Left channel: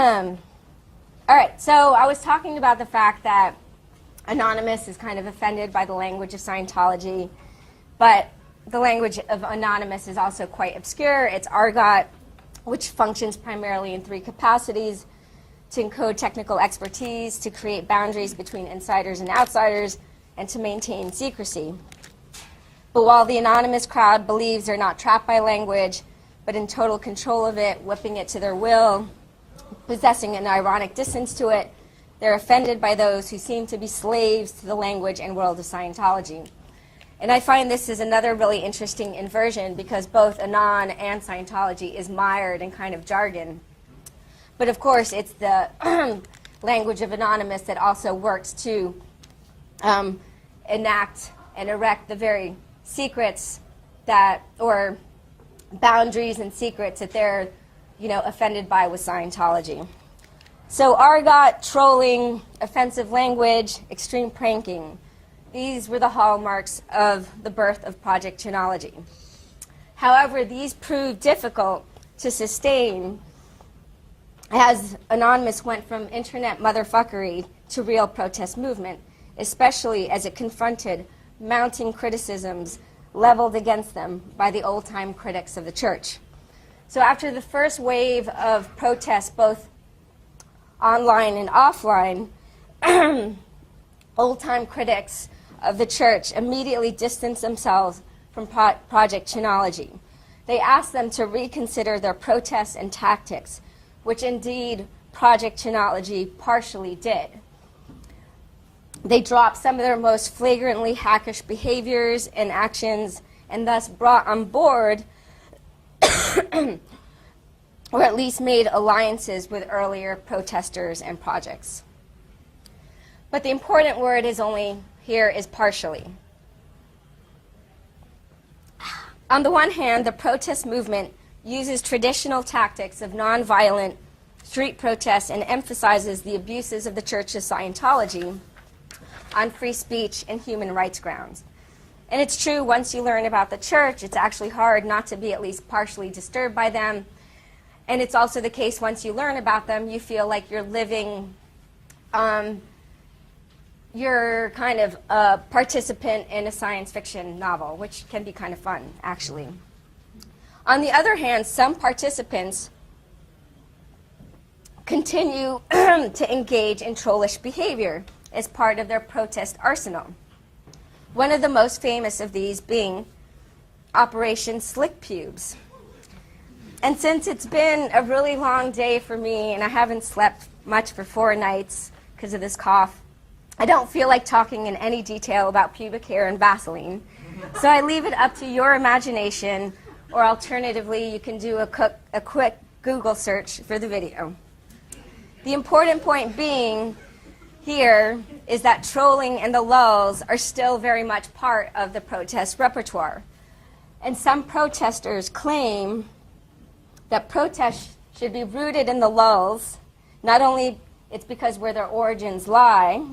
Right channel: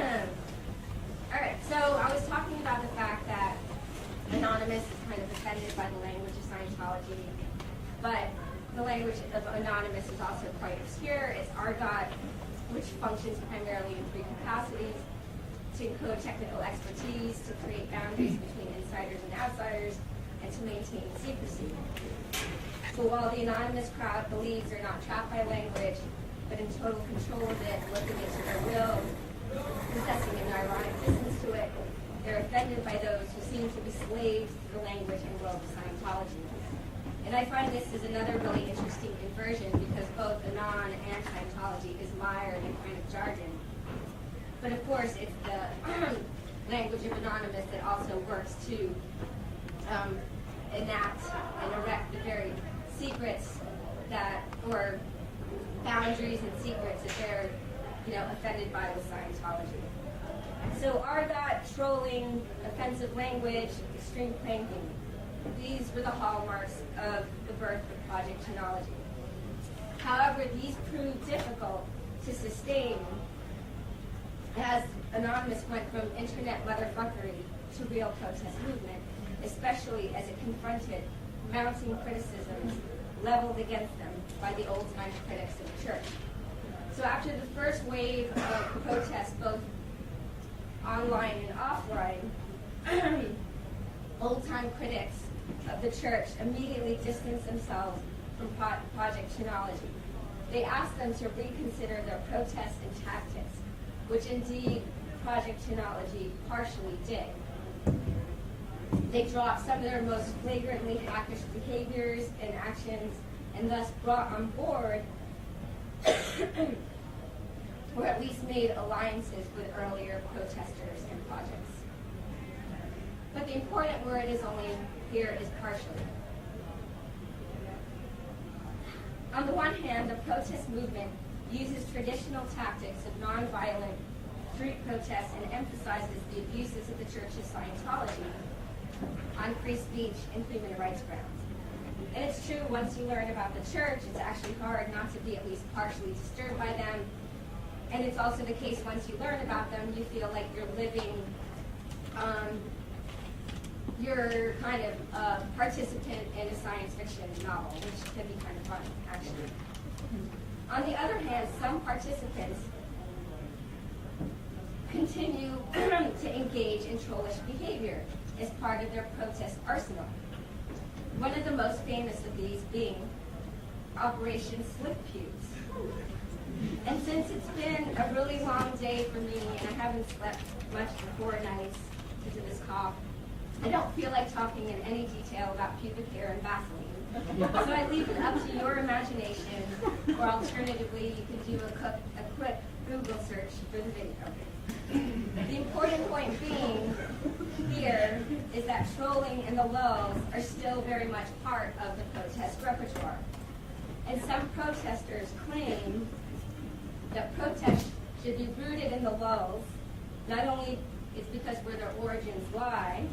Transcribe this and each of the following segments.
All right, so I was talking about the fact that Anonymous is kind of offended by the language of Scientology, but the language of Anonymous is also quite obscure. It's argot, which functions primarily in three capacities: to encode technical expertise, to create boundaries between insiders and outsiders, and to maintain secrecy. But while the Anonymous crowd believes they're not trapped by language, but in total control of it, whipping it to their will, possessing an ironic distance to it, they're offended by those who seem to be slaves to the language and world of Scientology. And I find this is another really interesting inversion, because both Anon and Scientology is mired in kind of jargon. But of course, it's the language of Anonymous that also works to enact and erect the very secrets that, or boundaries and secrets that they're, offended by with Scientology. So argot, trolling, offensive language, extreme pranking. These were the hallmarks of the birth of Project Chinology. However, these proved difficult to sustain as Anonymous went from internet motherfuckery to real protest movement, especially as it confronted mounting criticisms leveled against them by the old-time critics of the church. So after the first wave of protests, both online and offline, old-time critics of the church immediately distanced themselves from Project Chinology. They asked them to reconsider their protests and tactics, which indeed Project Chinology partially did. They dropped some of their most flagrantly hackish behaviors and actions, and thus brought on board, or at least made alliances with earlier protesters and projects. But the important word here is partially. On the one hand, the protest movement uses traditional tactics of nonviolent street protests and emphasizes the abuses of the Church of Scientology on free speech and human rights grounds. And it's true, once you learn about the church, it's actually hard not to be at least partially disturbed by them. And it's also the case, once you learn about them, you feel like you're living, you're kind of a participant in a science fiction novel, which can be kind of fun, actually. On the other hand, some participants continue to engage in trollish behavior as part of their protest arsenal. One of the most famous of these being Operation Slick Pubes. And since it's been a really long day for me and I haven't slept much for 4 nights because of this cough, I don't feel like talking in any detail about pubic hair and Vaseline. So I leave it up to your imagination, or alternatively, you can do a quick Google search for the video. The important point being here is that trolling and the lulz are still very much part of the protest repertoire. And some protesters claim that protests should be rooted in the lulz. Not only it's because where their origins lie,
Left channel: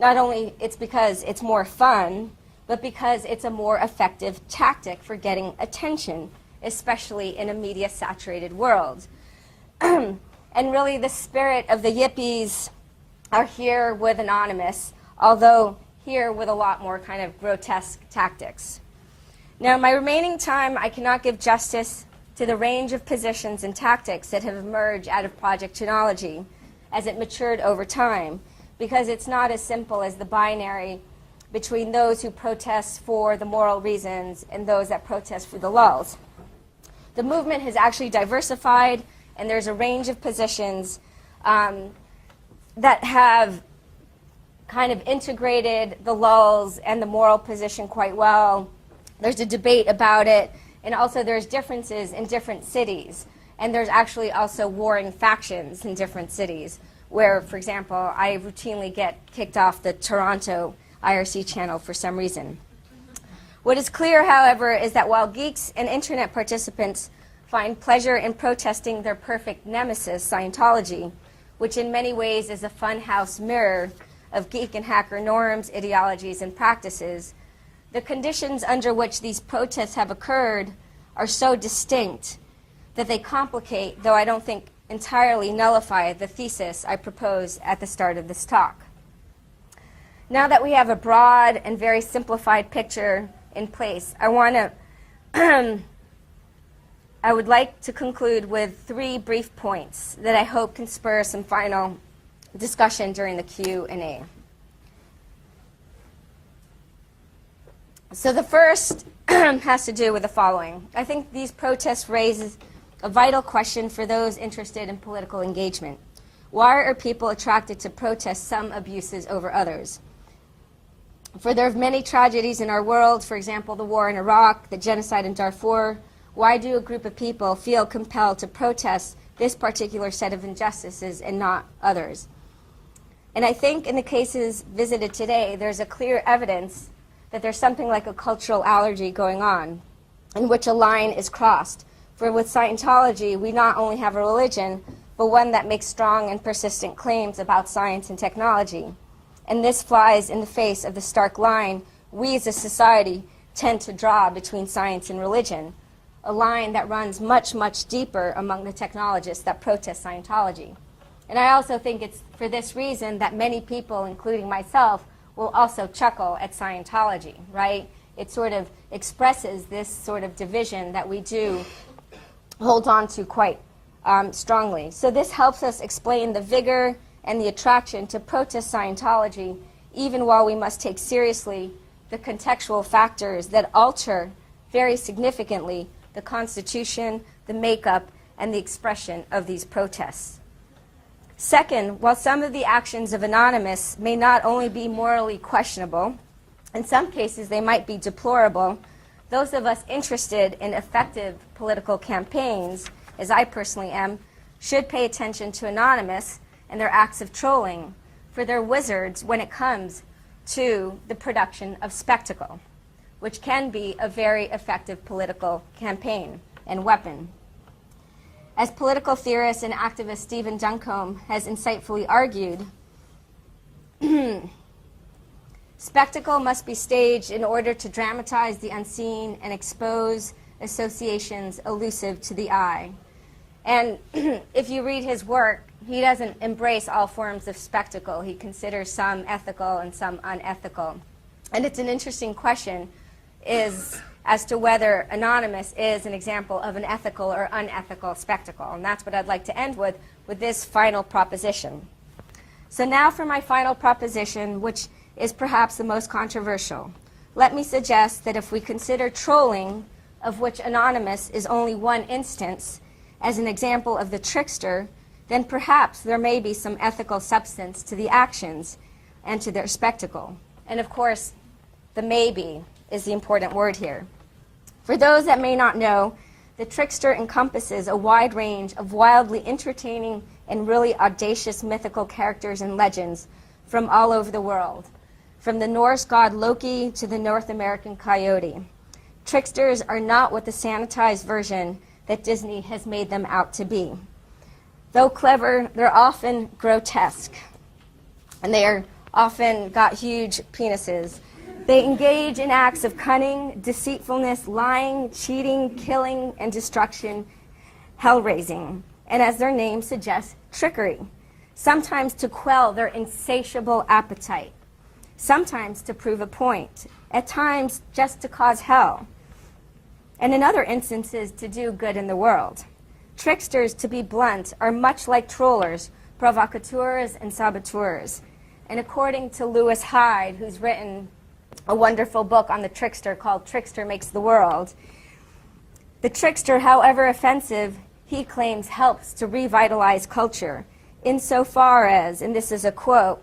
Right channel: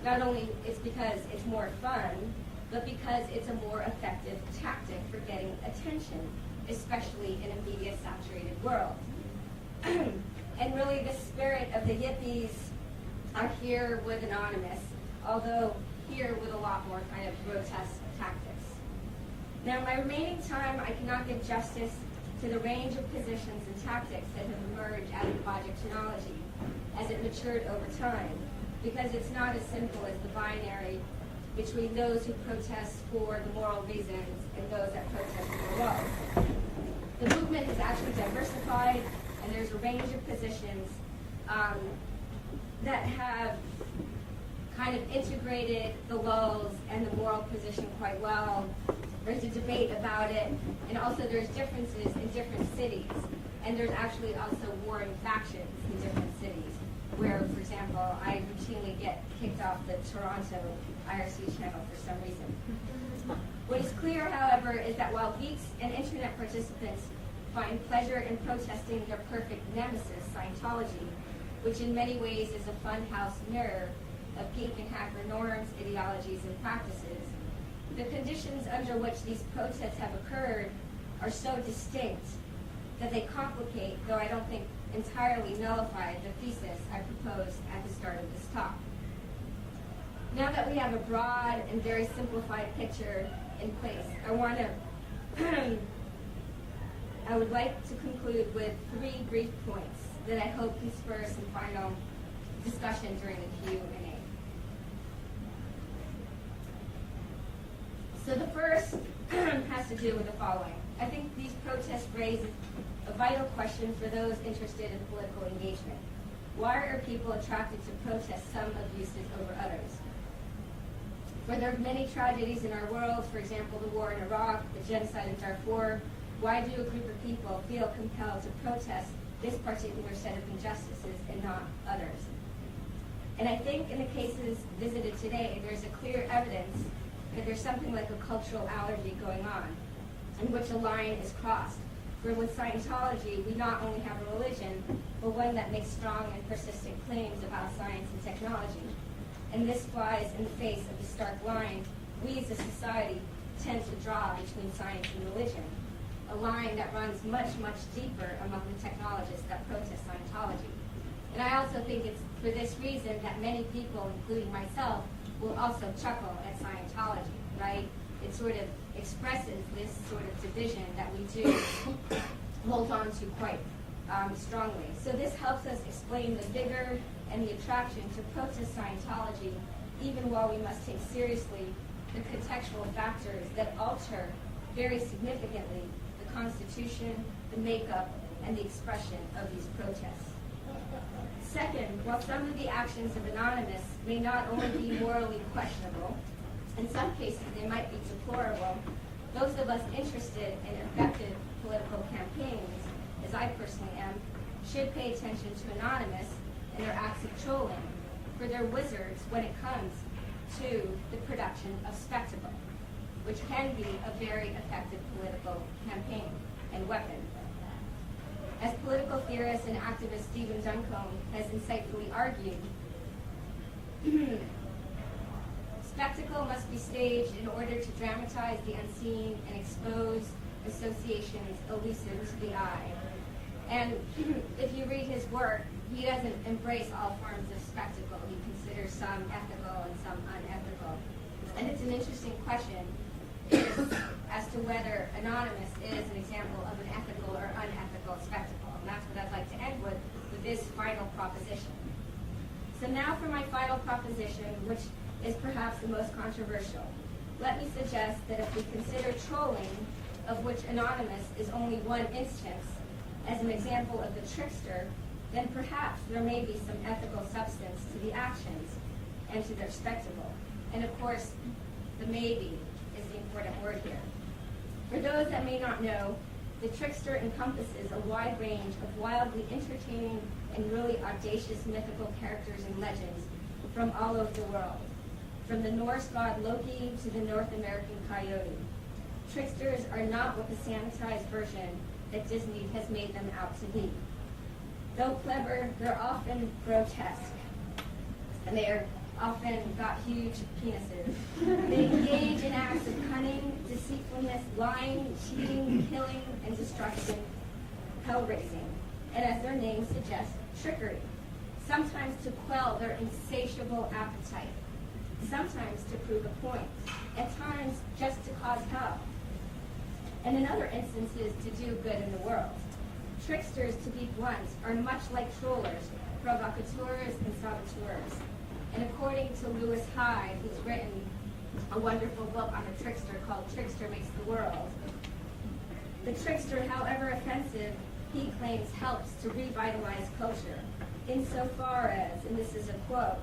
not only it's because it's more fun, but because it's a more effective tactic for getting attention, especially in a media-saturated world. And really the spirit of the yippies are here with Anonymous, although here with a lot more kind of grotesque tactics. Now, in my remaining time, I cannot give justice to the range of positions and tactics that have emerged out of Project Chinology as it matured over time, because it's not as simple as the binary between those who protest for the moral reasons and those that protest for the lulz. The movement has actually diversified, and there's a range of positions that have kind of integrated the lulz and the moral position quite well. There's a debate about it, and also there's differences in different cities. And there's actually also warring factions in different cities, where, for example, I routinely get kicked off the Toronto IRC channel for some reason. What is clear, however, is that while geeks and internet participants find pleasure in protesting their perfect nemesis, Scientology, which in many ways is a funhouse mirror of geek and hacker norms, ideologies, and practices, the conditions under which these protests have occurred are so distinct that they complicate, though I don't think entirely nullify the thesis I proposed at the start of this talk. Now that we have a broad and very simplified picture in place, I would like to conclude with 3 brief points that I hope can spur some final discussion during the Q&A. So the first has to do with the following. I think these protests raise a vital question for those interested in political engagement. Why are people attracted to protest some abuses over others? For there are many tragedies in our world, for example, the war in Iraq, the genocide in Darfur. Why do a group of people feel compelled to protest this particular set of injustices and not others? And I think in the cases visited today, there's a clear evidence that there's something like a cultural allergy going on in which a line is crossed. For with Scientology, we not only have a religion, but one that makes strong and persistent claims about science and technology. And this flies in the face of the stark line we as a society tend to draw between science and religion, a line that runs much, much deeper among the technologists that protest Scientology. And I also think it's for this reason that many people, including myself, will also chuckle at Scientology, right? It sort of expresses this sort of division that we do hold on to quite strongly. So this helps us explain the vigor and the attraction to protest Scientology, even while we must take seriously the contextual factors that alter very significantly the constitution, the makeup, and the expression of these protests. Second, while some of the actions of Anonymous may not only be morally questionable, in some cases they might be deplorable, those of us interested in effective political campaigns, as I personally am, should pay attention to Anonymous and their acts of trolling, for they're wizards when it comes to the production of spectacle, which can be a very effective political campaign and weapon. As political theorist and activist Stephen Duncombe has insightfully argued, spectacle must be staged in order to dramatize the unseen and expose associations elusive to the eye. And if you read his work, he doesn't embrace all forms of spectacle. He considers some ethical and some unethical. And it's an interesting question as to whether Anonymous is an example of an ethical or unethical spectacle. And that's what I'd like to end with this final proposition. So now for my final proposition, which is perhaps the most controversial. Let me suggest that if we consider trolling, of which Anonymous is only one instance, as an example of the trickster, then perhaps there may be some ethical substance to the actions and to their spectacle. And of course, the maybe is the important word here. For those that may not know, the trickster encompasses a wide range of wildly entertaining and really audacious mythical characters and legends from all over the world, from the Norse god Loki to the North American coyote. Tricksters are not what the sanitized version that Disney has made them out to be. Though clever, they're often grotesque, and they are often got huge penises. They engage in acts of cunning, deceitfulness, lying, cheating, killing, and destruction, hell-raising, and as their name suggests, trickery, sometimes to quell their insatiable appetite, sometimes to prove a point, at times just to cause hell, and in other instances to do good in the world. Tricksters, to be blunt, are much like trollers, provocateurs, and saboteurs. And according to Lewis Hyde, who's written a wonderful book on the trickster called Trickster Makes the World, the trickster, however offensive, he claims helps to revitalize culture, insofar as, and this is a quote,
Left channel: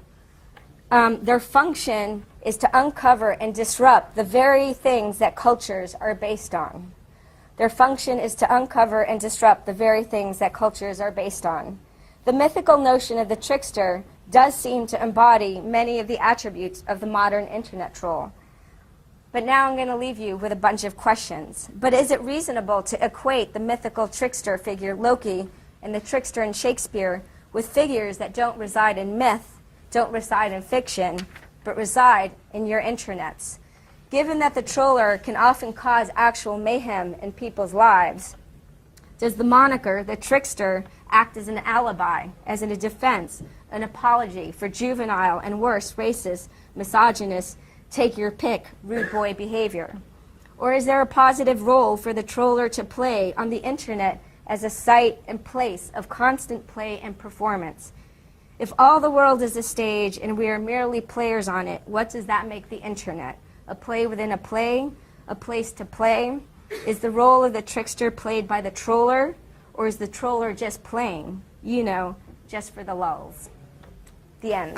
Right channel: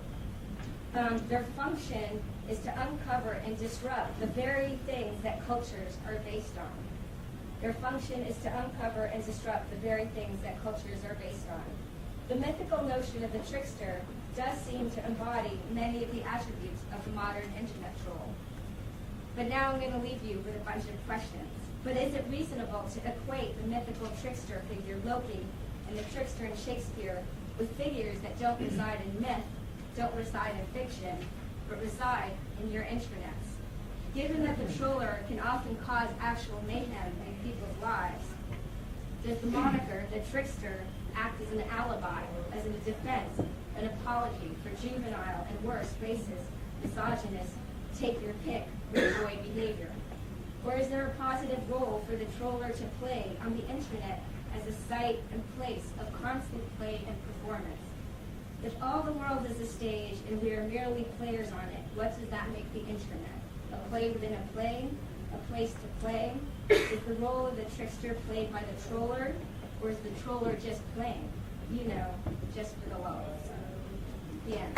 their function is to uncover and disrupt the very things that cultures are based on. Their function is to uncover and disrupt the very things that cultures are based on. The mythical notion of the trickster does seem to embody many of the attributes of the modern internet troll. But now I'm going to leave you with a bunch of questions. But is it reasonable to equate the mythical trickster figure Loki and the trickster in Shakespeare with figures that don't reside in myth, don't reside in fiction, but reside in your intranets? Given that the troller can often cause actual mayhem in people's lives, does the moniker, the trickster, act as an alibi, as in a defense, an apology for juvenile and worse racist, misogynist, take your pick, rude boy behavior? Or is there a positive role for the troller to play on the internet as a site and place of constant play and performance? If all the world is a stage and we are merely players on it, what does that make the internet? A play within a play? A place to play? Is the role of the trickster played by the troller? Or is the troller just playing, just for the lulz? The end.